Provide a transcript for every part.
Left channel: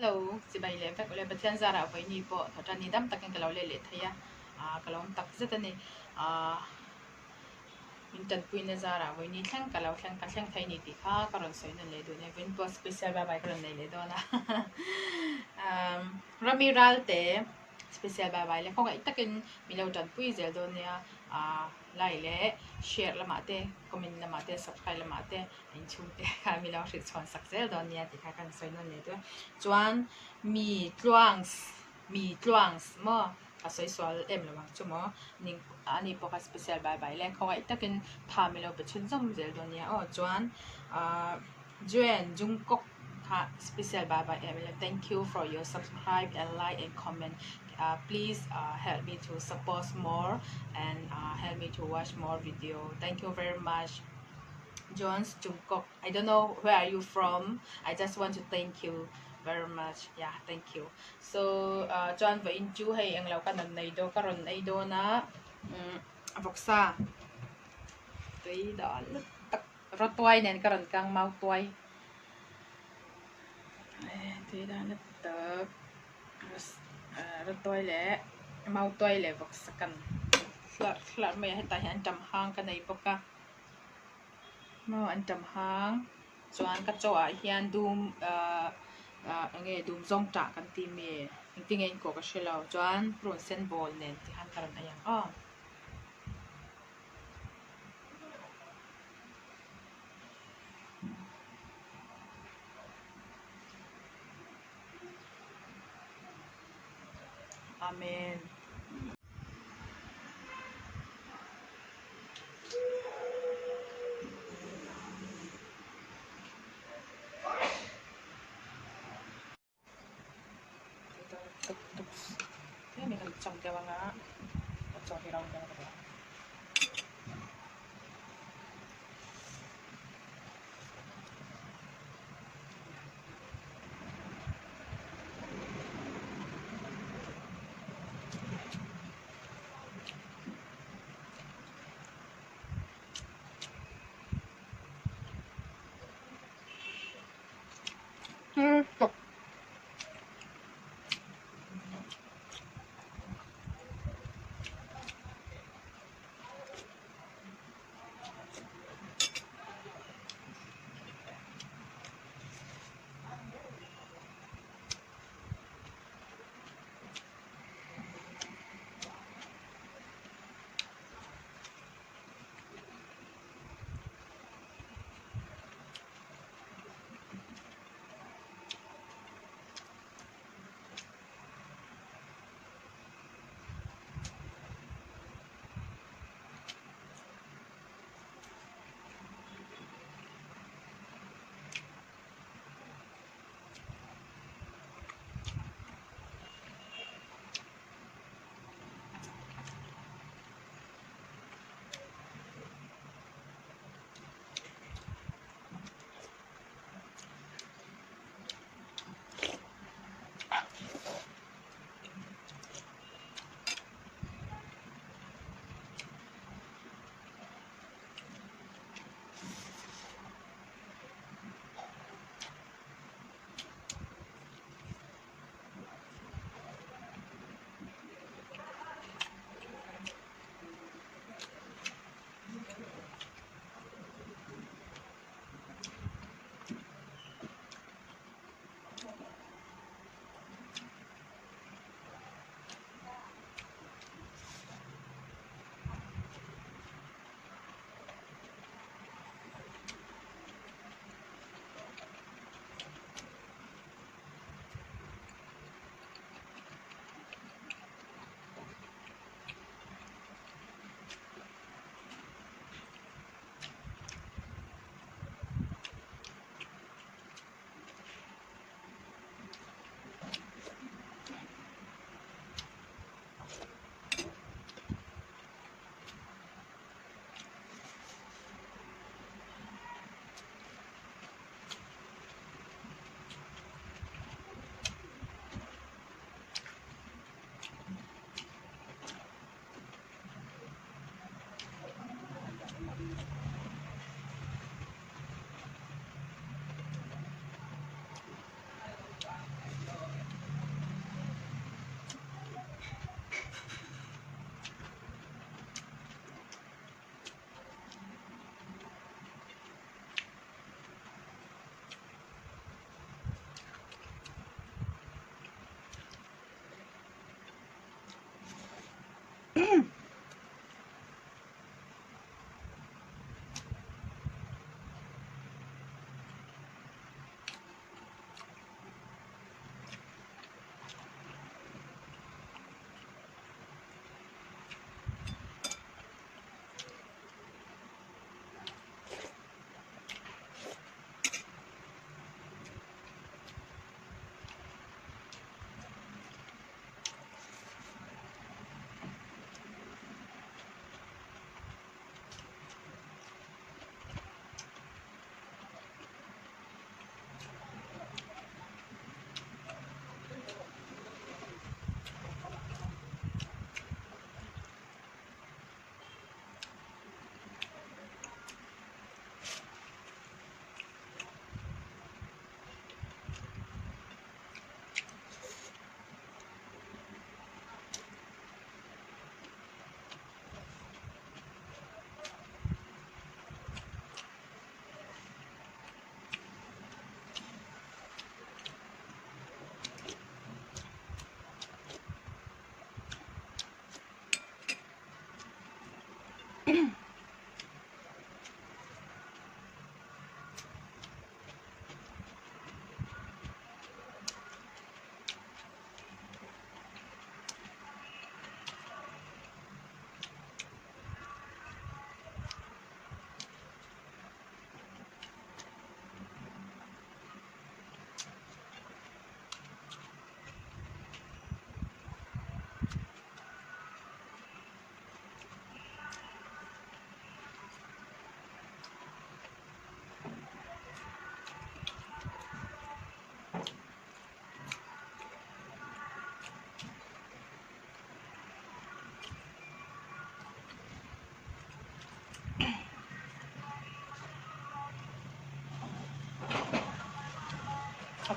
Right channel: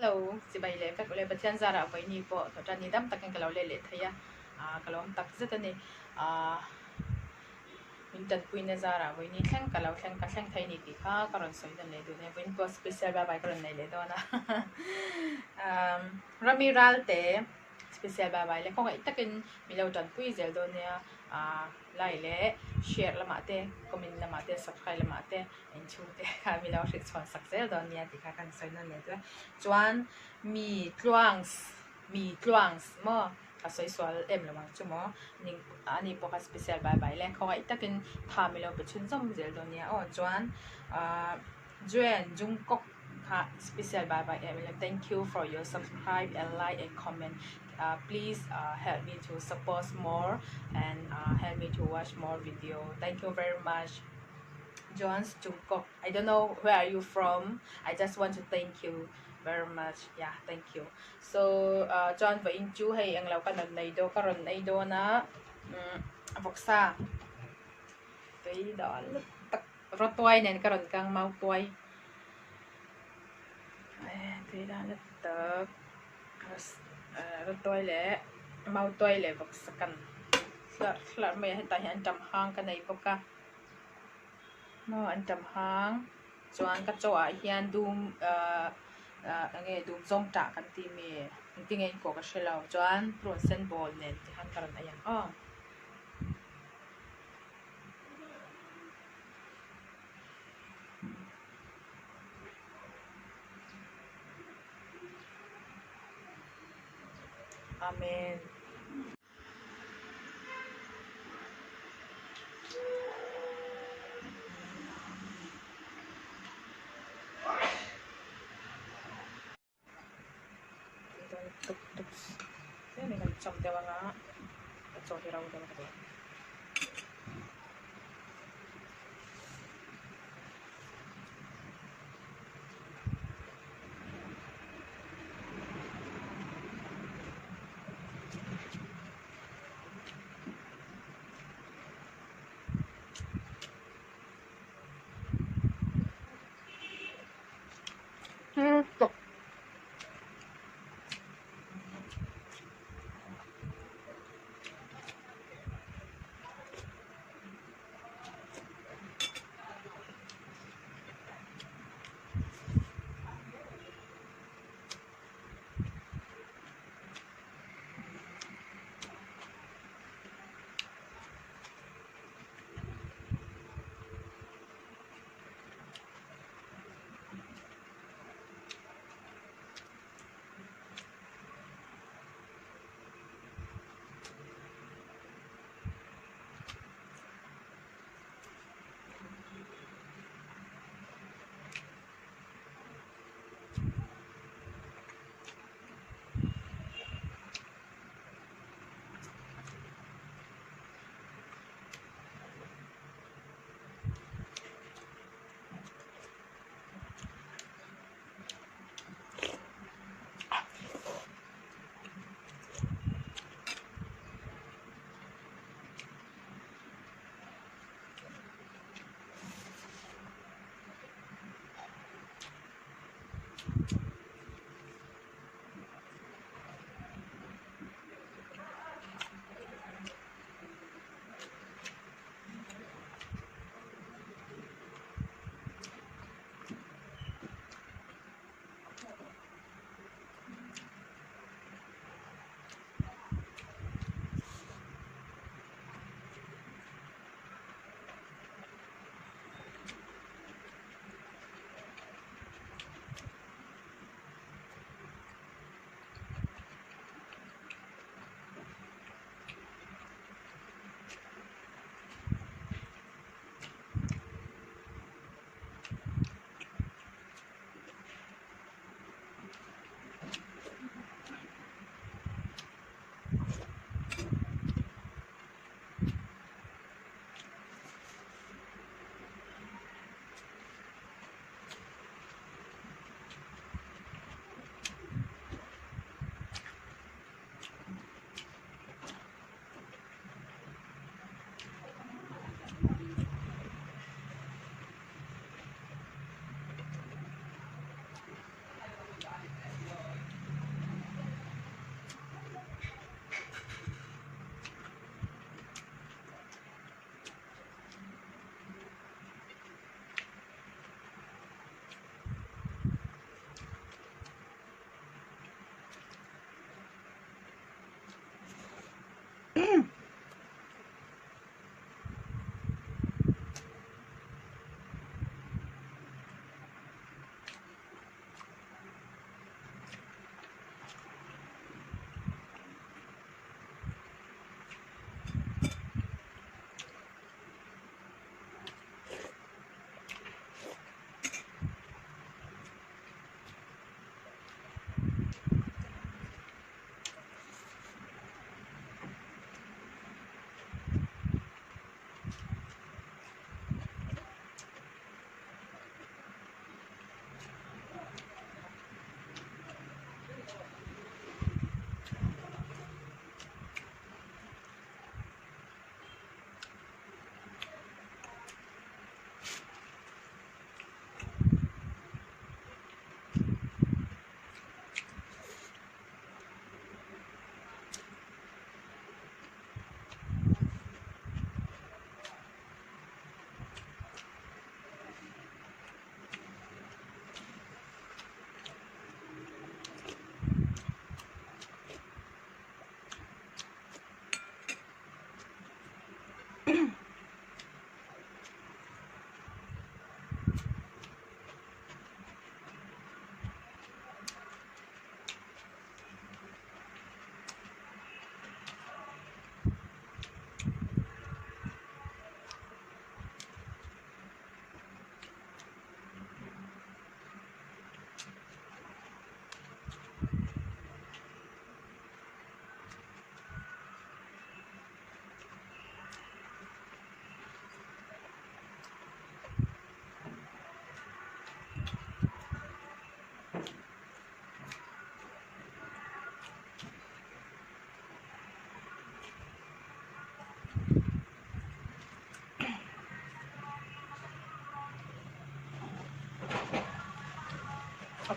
Hello, si bay le fek le batian zara vai ni po thota ni dam takin kalau le thaya kalau tak zeta ni mintan puina zara vai ni thang kalau thang thai ni ti kha karon soi na le do ne win po special ba bai karon nei le do na ramiral te special ba bai le ko ga takin milau tan pui zel do ne lai le share la ma te comment la ma te subscribe la ma te en chu te ka milau rit chon sak zel do ne ti kha kan soi na le do chuan mi tluang mo ka soi swal em la wang chu mo ning ani po ka special bye bye len khaw takin tha milo pe chun zom zel do nia chuan Joan Jungkook ka special bye bye em thank you for your subscribe and like and comment. Please help me to support more and help me to watch more video. Thank you very much, Joan Jungkook. I don't know where are you from. I just want to thank you very much. Yeah, thank you. So John và in chú hay ang lau kanan này do karon ay do na voksa tuy đó lúc tak rotuay nen karon kang mau tuay tuy đó lúc tak rotuay le mau tuay le voksa kan slat may hay tayo ang jamhang kanay boka no ang jamhang chuan ka chawa hian dum nge dum zong ta kan ti mi tingin ko ka shelaw chuan pron sen ball nen ti han karon ayang amen. Thế mình cần trồng theo bằng á trồng thì đâu cho nó được tục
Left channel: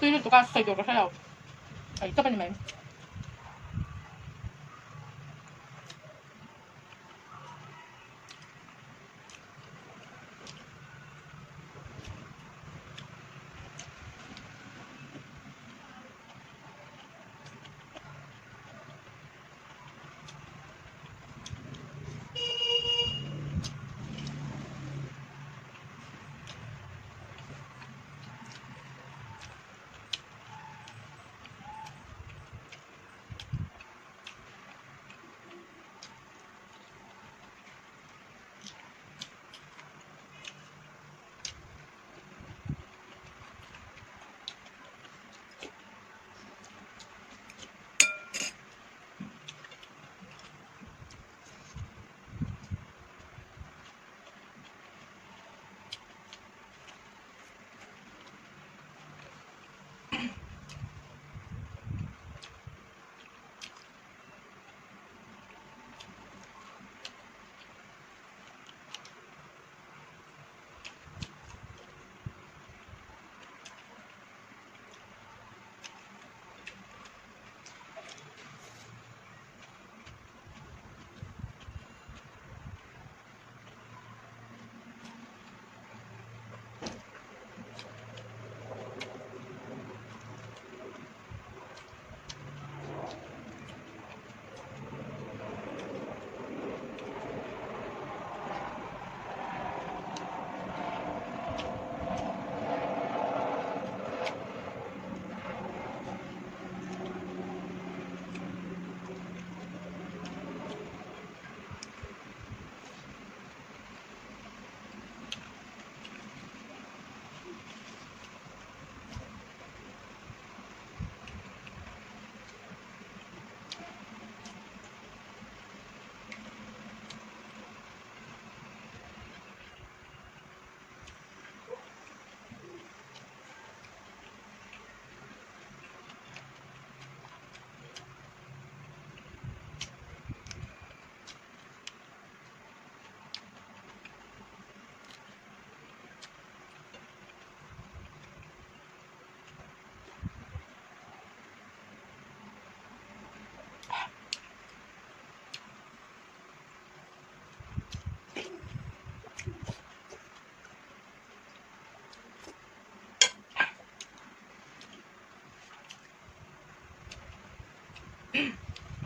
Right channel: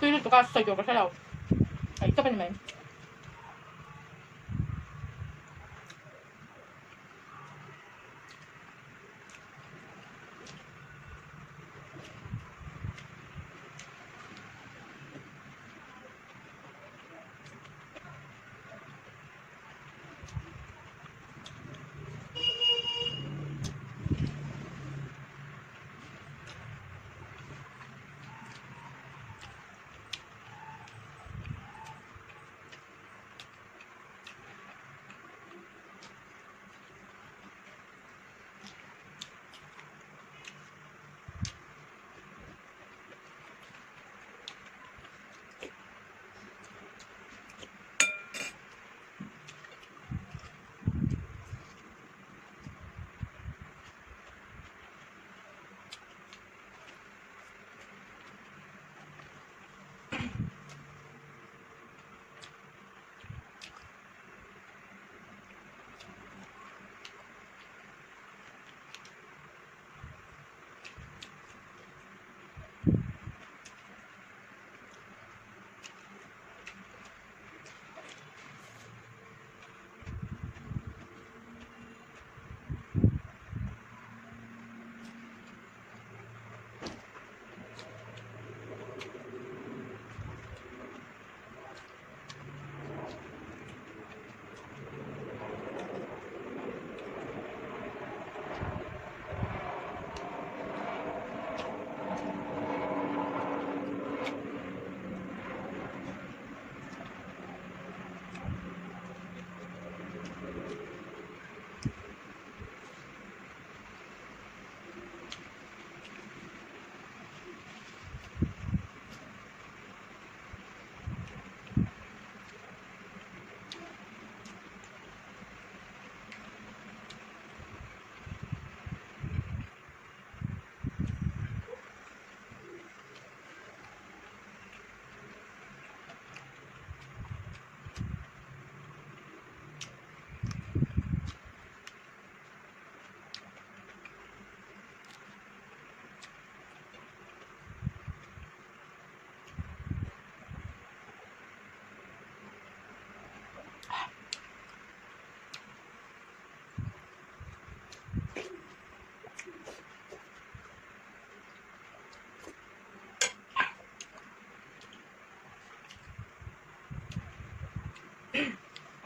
앞뒤를 누가 스타일로 사요. 아, 이따가님.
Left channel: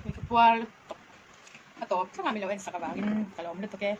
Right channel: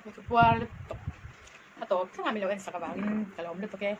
May kapual. Ato, sa kami lawan sa kabangin. Kalawam na to ke.